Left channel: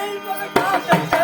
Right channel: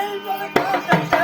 செல்வன்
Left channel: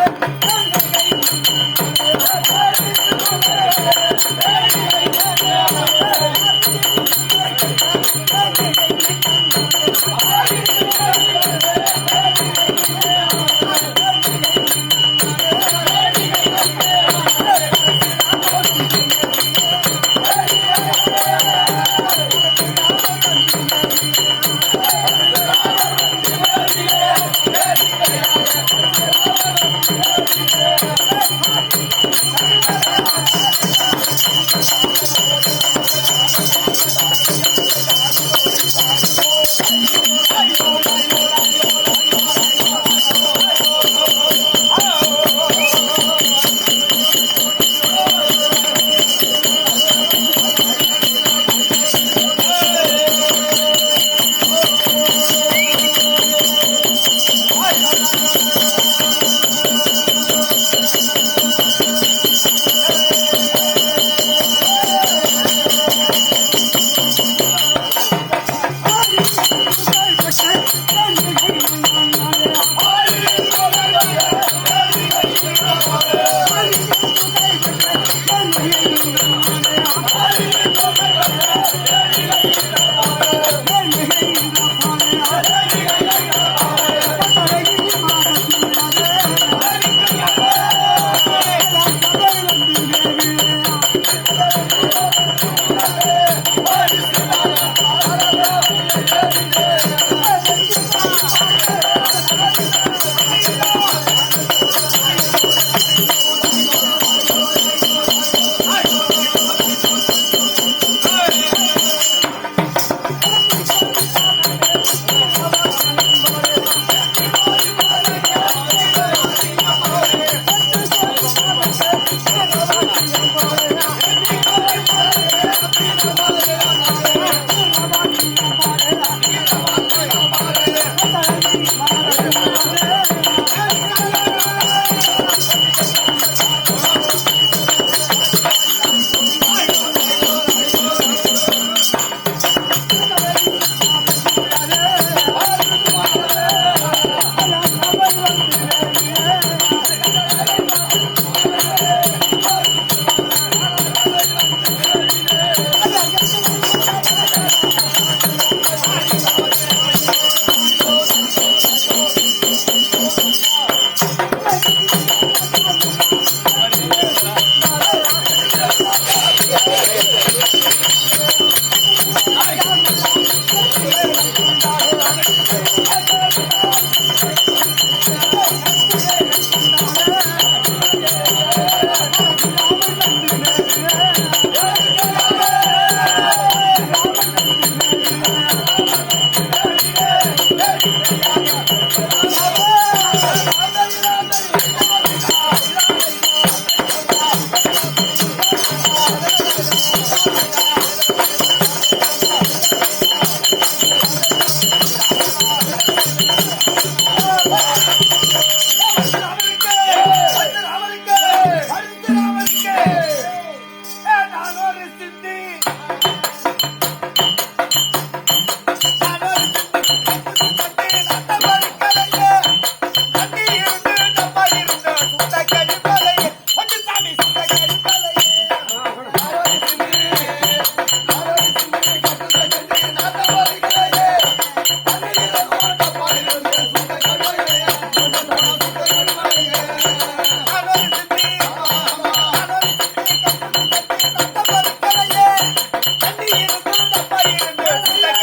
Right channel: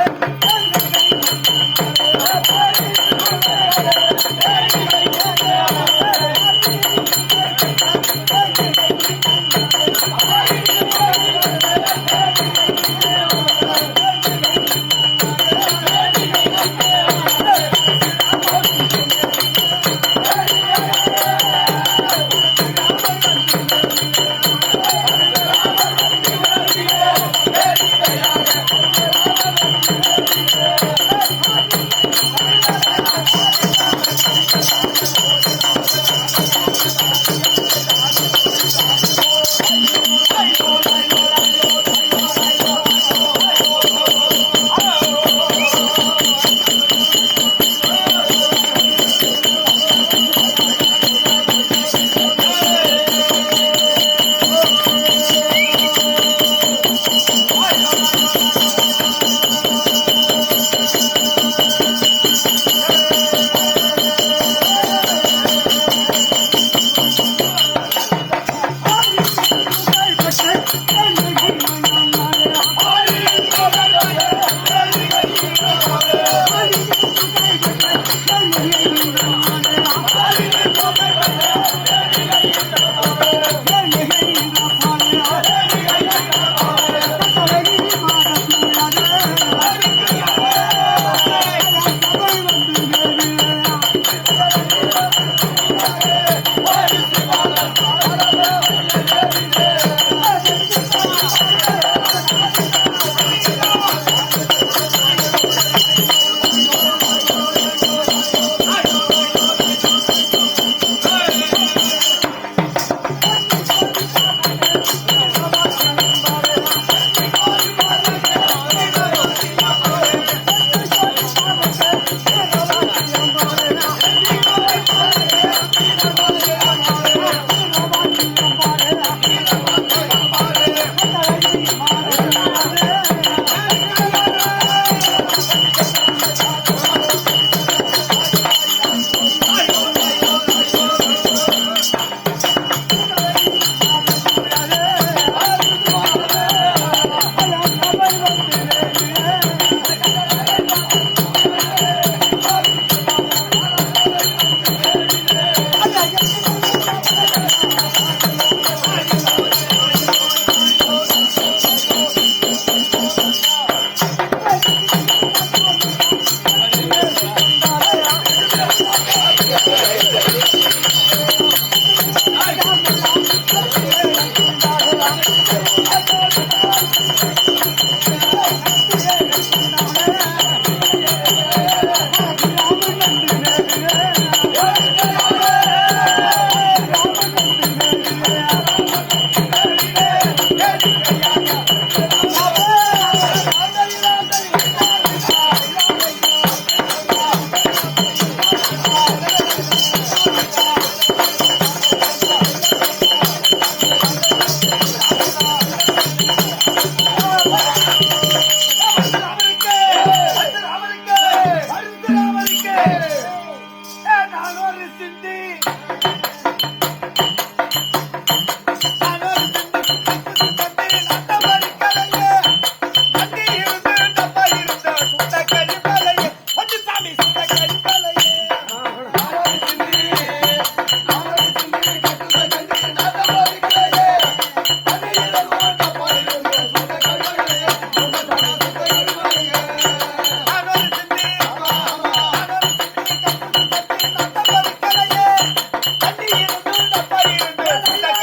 அப்பா இருந்து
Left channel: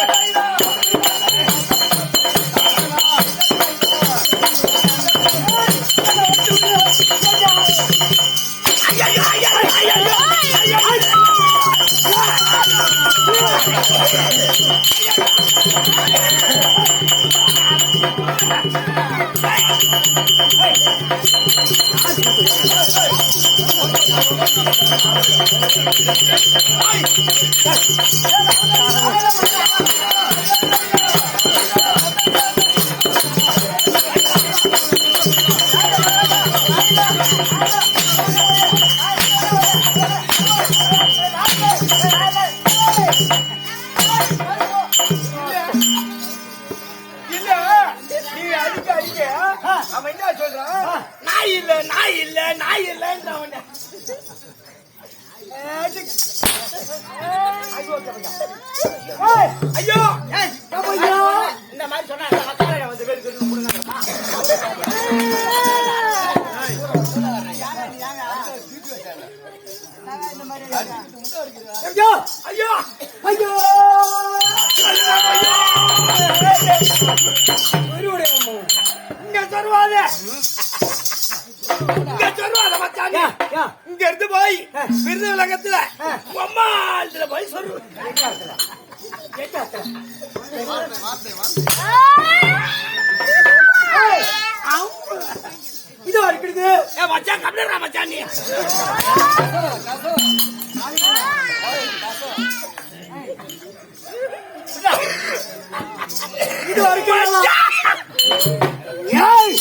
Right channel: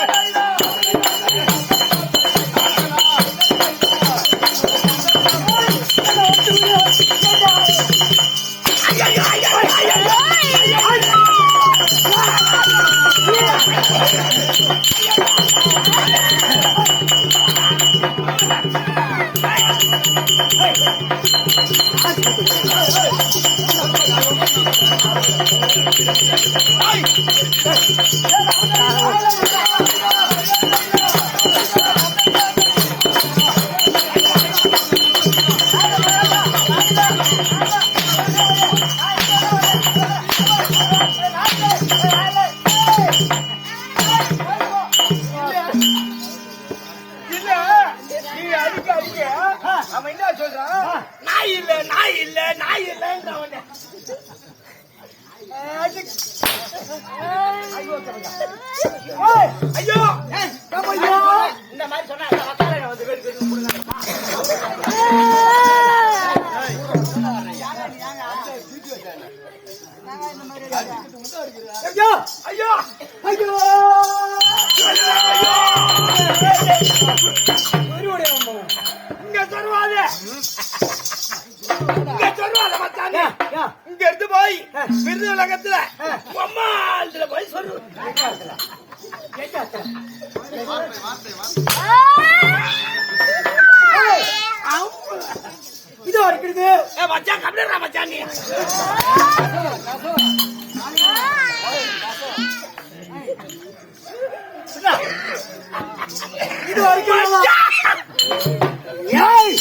நாய் இல்ல நாய் இல்ல நாய் இல்லைன்னு அவன் ஐயோ இந்த மாதிரி சொன்னா வந்து ஐயோ ஐயோ ஐயோ இங்க இங்க இருந்து போய் விருது உலகத்துல அம்மாள்ல போய் சொல்லு. இது இருக்குது ஏ மச்சான் கம்ப்ளீட் மச்சான் நீ. இது வரைக்கும் ஏய்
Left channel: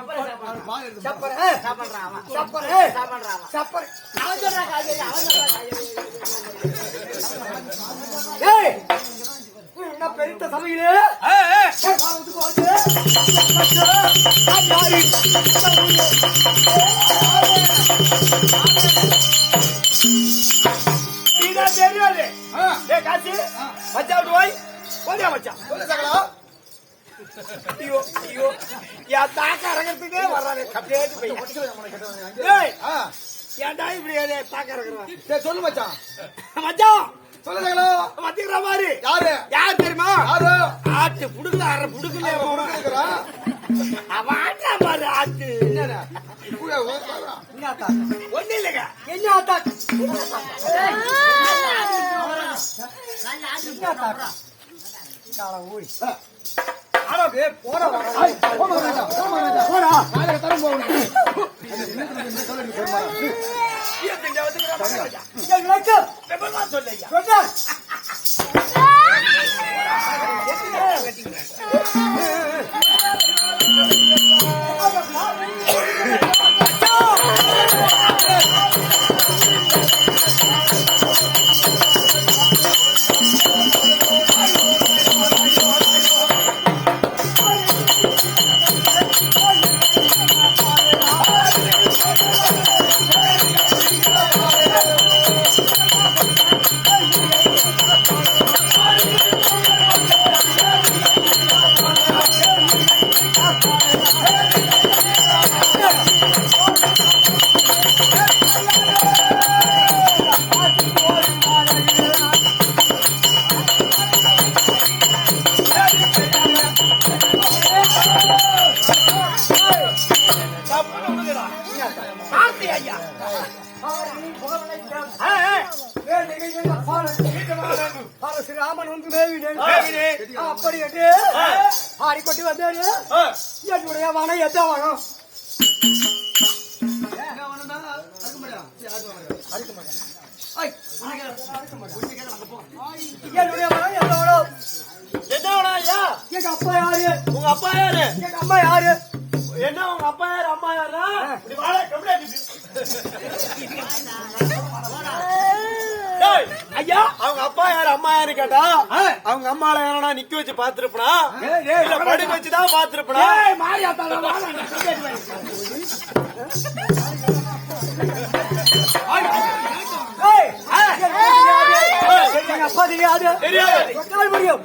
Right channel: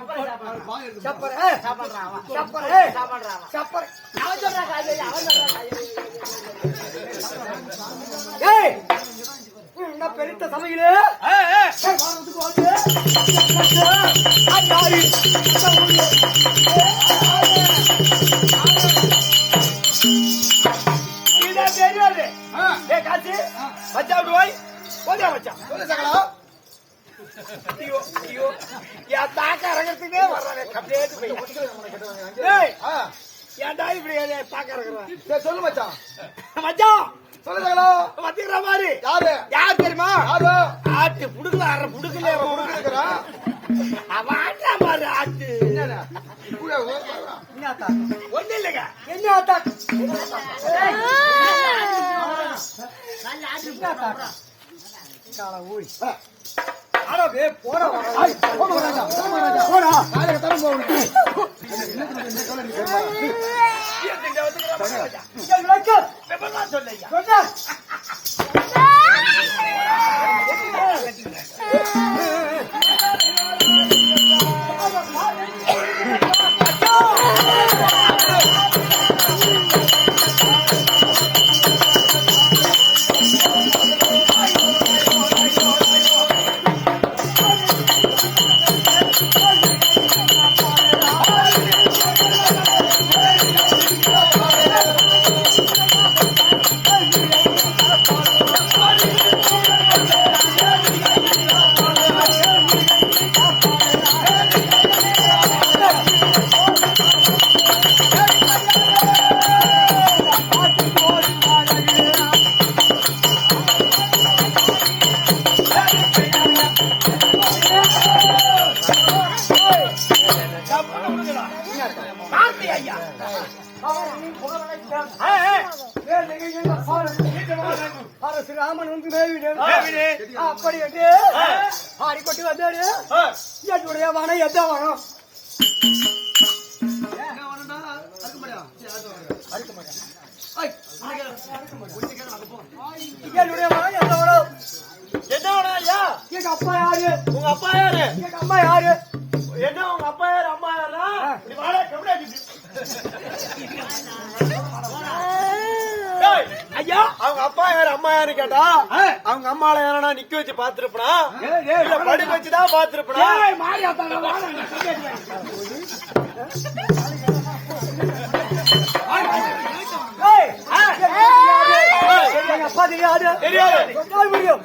छप्पर है। छप्पर है छप्पर నా పెరింత సమయలే అయ్యారి மச்சான் போய். போதியா மச்சான். சொல்லு சகலா. ஐயோ ஐயோ. என் தாக்க இறங்கிறதுக்கே வர்றானே. கம்ப்ளீட் போய் ஏய் ஆ. ஏன்டா இப்படி தாக்க இறங்குறான் சரி சொல்லு மச்சான். மச்சான். சொல்லு சகலா. மத்திக்கிற மாதிரி. யாரு? யார் தெரியுமா? யாரு? ஆட்டு புடுக்கல புடுக்கல. அவன் ஆட்டா பாரு ஆட்டு. என்னடா? ஒண்ணு இல்லைங்க. என்ன அத்தாக் என்ன ராமன் வந்து. அப்படி என்று ஆடிக்கொண்டு வந்தாரு என்னுடைய வனம் எந்த வனம் என்னுடைய வனம் வனம் என்ன வேணும் ஐயா? எங்க அப்பா யாரு? உங்க அப்பா யாரு? எங்க அம்மா யாரு? என்ன உங்க அப்பா யாரு? அம்மா யாரா இப்படி கம்ப்ளைண்ட் டேய், ஐயா அவங்க அப்பா யாரு? அம்மா யாரு கேட்டா அவங்க அம்மால யாரா நிக்க வச்சு பாத்துருப்பா படிக்க வச்சுதான் பாத்துருப்பா அப்பா தெரியாது. தெரியாது. முடியும்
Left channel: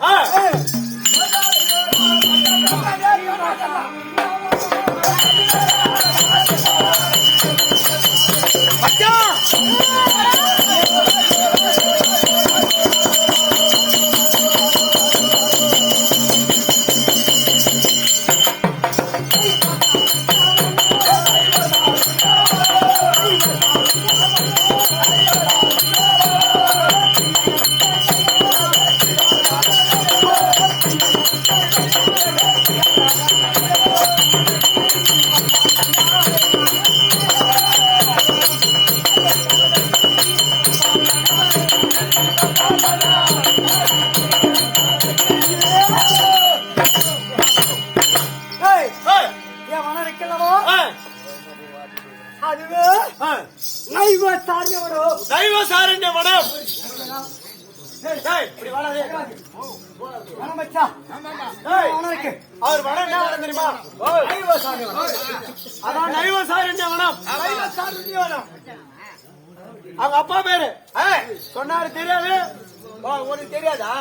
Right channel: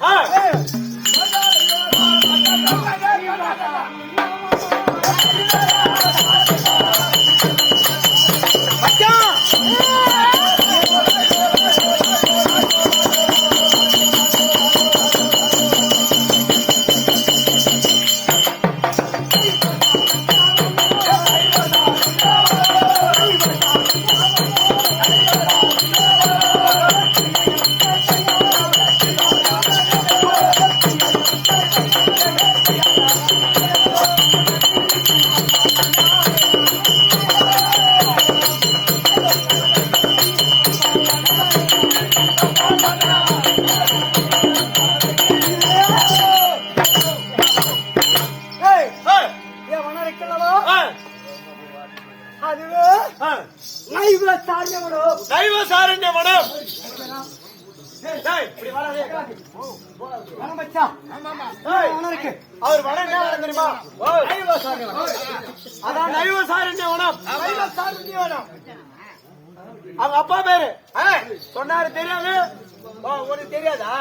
அதான் தெய்வ வனம் அவங்க அப்பா பேரு சொன்னாரு தெரியாது உனக்கு தெரியாதா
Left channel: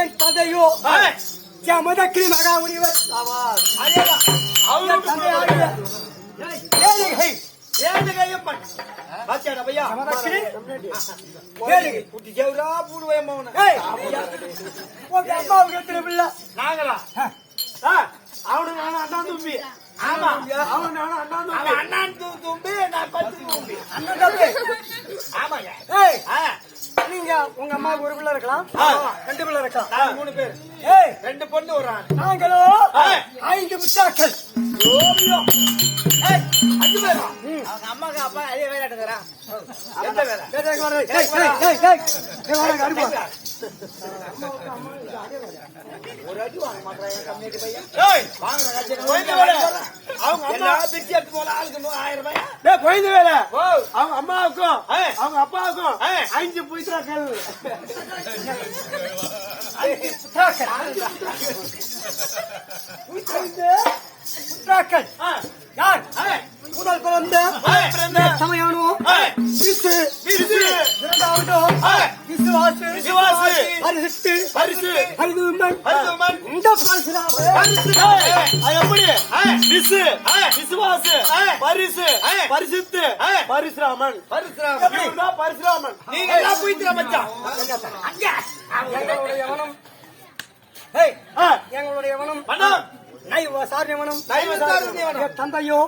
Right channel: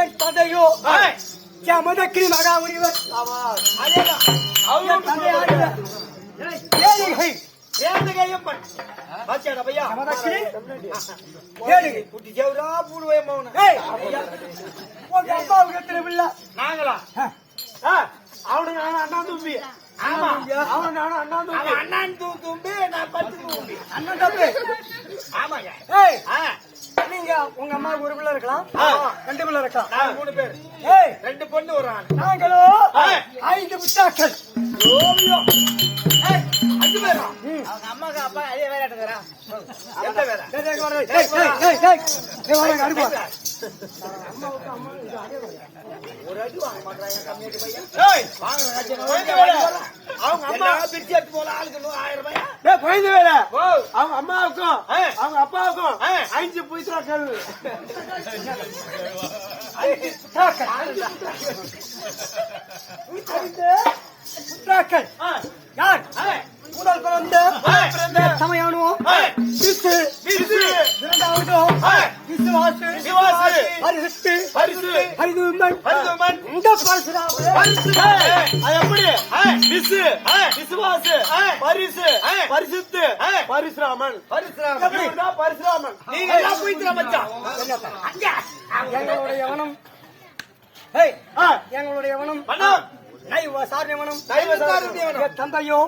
என் தந்தையோ ஏய், அம்மாவுக்கு எத்தனை பிள்ளை நாங்களா? ஆ, அவனுக்கு நானும் அண்ணா தம்பி. ஆமா. அவனுக்கு நானும் அண்ணா தம்பி. அண்ணன் தம்பி நான் பத்து தம்பி. அண்ணன் தம்பி. ஆமாங்க. ஏய் நீங்க உங்க அம்மாவுக்கு ஒரு பிள்ளை இருக்கலாம். ஆமா. ரெண்டு பிள்ளை இருக்கலாம். மூணு பேர். ஏய். ரெண்டு பொண்ணு ஒரு ஆண். நாங்களோ ஏய். ஐந்து முட்டாக்கள். அம்மாக்கு அப்பா அதே வேலை தரா எந்த வேலை? ஏய், ஏய், ஏய், ஏய், ஏய், ஏய், ஏய். ஏய், வாடா, அடிப்பா. ஏய், குழந்தை வேலை. அவங்க அம்மா பிரிச்சு எடுத்து போல ஆளுக்கு நூ- ஆயிரம் ரூபாய்? ஏய், குழந்தை வேலை. அவங்க அம்மாவுக்கும் அவங்க அப்பாவுக்கும் அஞ்சு புய்த்தாக்கள் ஐந்து. முட்டாக்கள் யார்? முதல் பிறந்த சமயானோ? ஏய். விசு. விசு. இரண்டாவது. விசுவாசு. விசுவாசு. பரிசுத்து. பரிசு. பரிதுமன் பரிதுமன். இந்த பரசுராம அது எப்படி? விசு. விசுவாசு. பரிசு. பரிசுத்து. பரிசுராமன். பரசுராமன். பரிசுராமன். நீங்க எல்லாம் போயிட்டு மச்சான். எங்களுடைய ஆ, எங்களுடைய எவனம்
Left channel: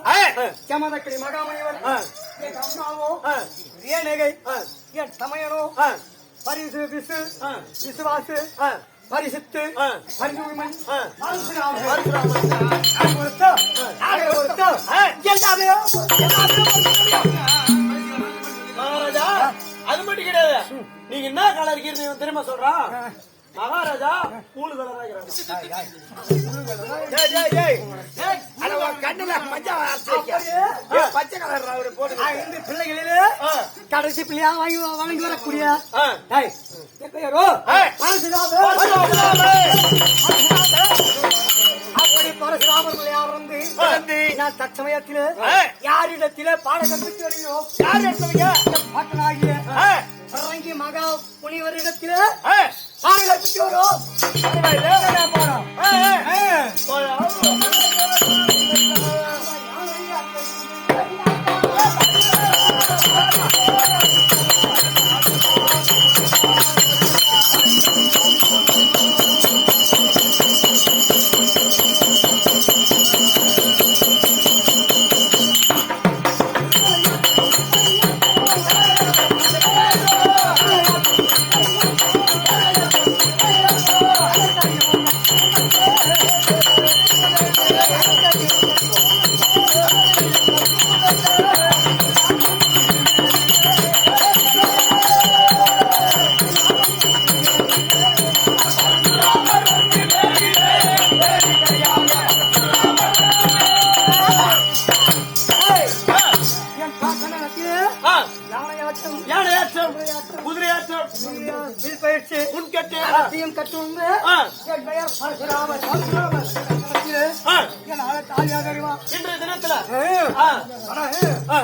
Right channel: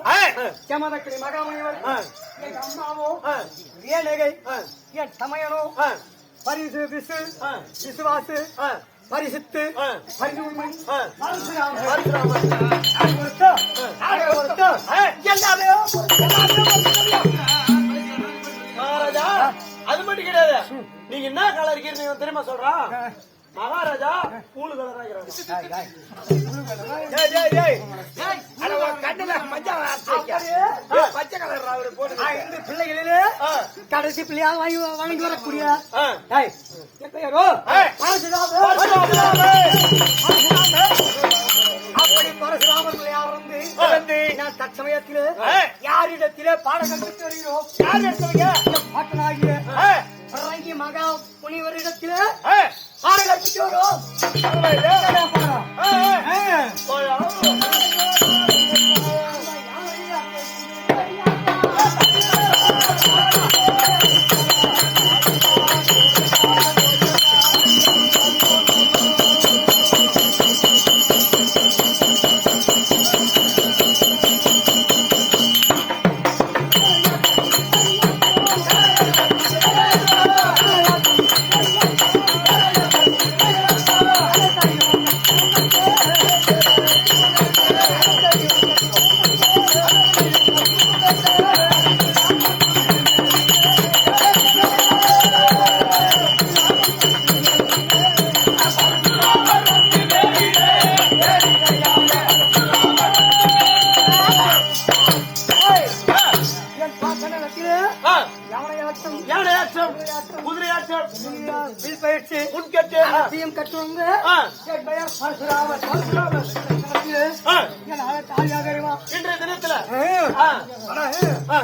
ஆ, ஜமதக்கிரி மகாமணிவர் ஆ, என் அம்மாவோ ஆ, ஏனகை ஆ, என் சமயனோ ஆ, பரிசு விசு விசுவாசு பரிசுத்து. பரிசுமன். பரசுராமன். எல்லாமே அது மட்டும் கிடையாது. நீங்க என்ன கலர் இருக்கீங்க தெரியுமா சொல்றான்? மகாராஜா ஐந்து பிள்ளைகளிலே கடைசி பிள்ளையா வாங்கி வழங்கி வரக்கூடிய. அப்படி பரசுராமர். நான் தற்சமயத்திலே. யாரிடத்திலே பாடகம் பெற்று வருகிறோம் யார்? என் பாட்டனாகிய பரங்கி மகா பாடகம் பெற்று வரும் பரவாயில்ல. பாடம்? அனைத்தையும் கற்று வந்து ஆ, என் பெயர் பரசுராமன் பரசுராமன் ஆ. என் தாலியாக தெரியுமா இன்றைய தினத்துல ஏய். ஆ, ஆனா, ஏய். ஆ,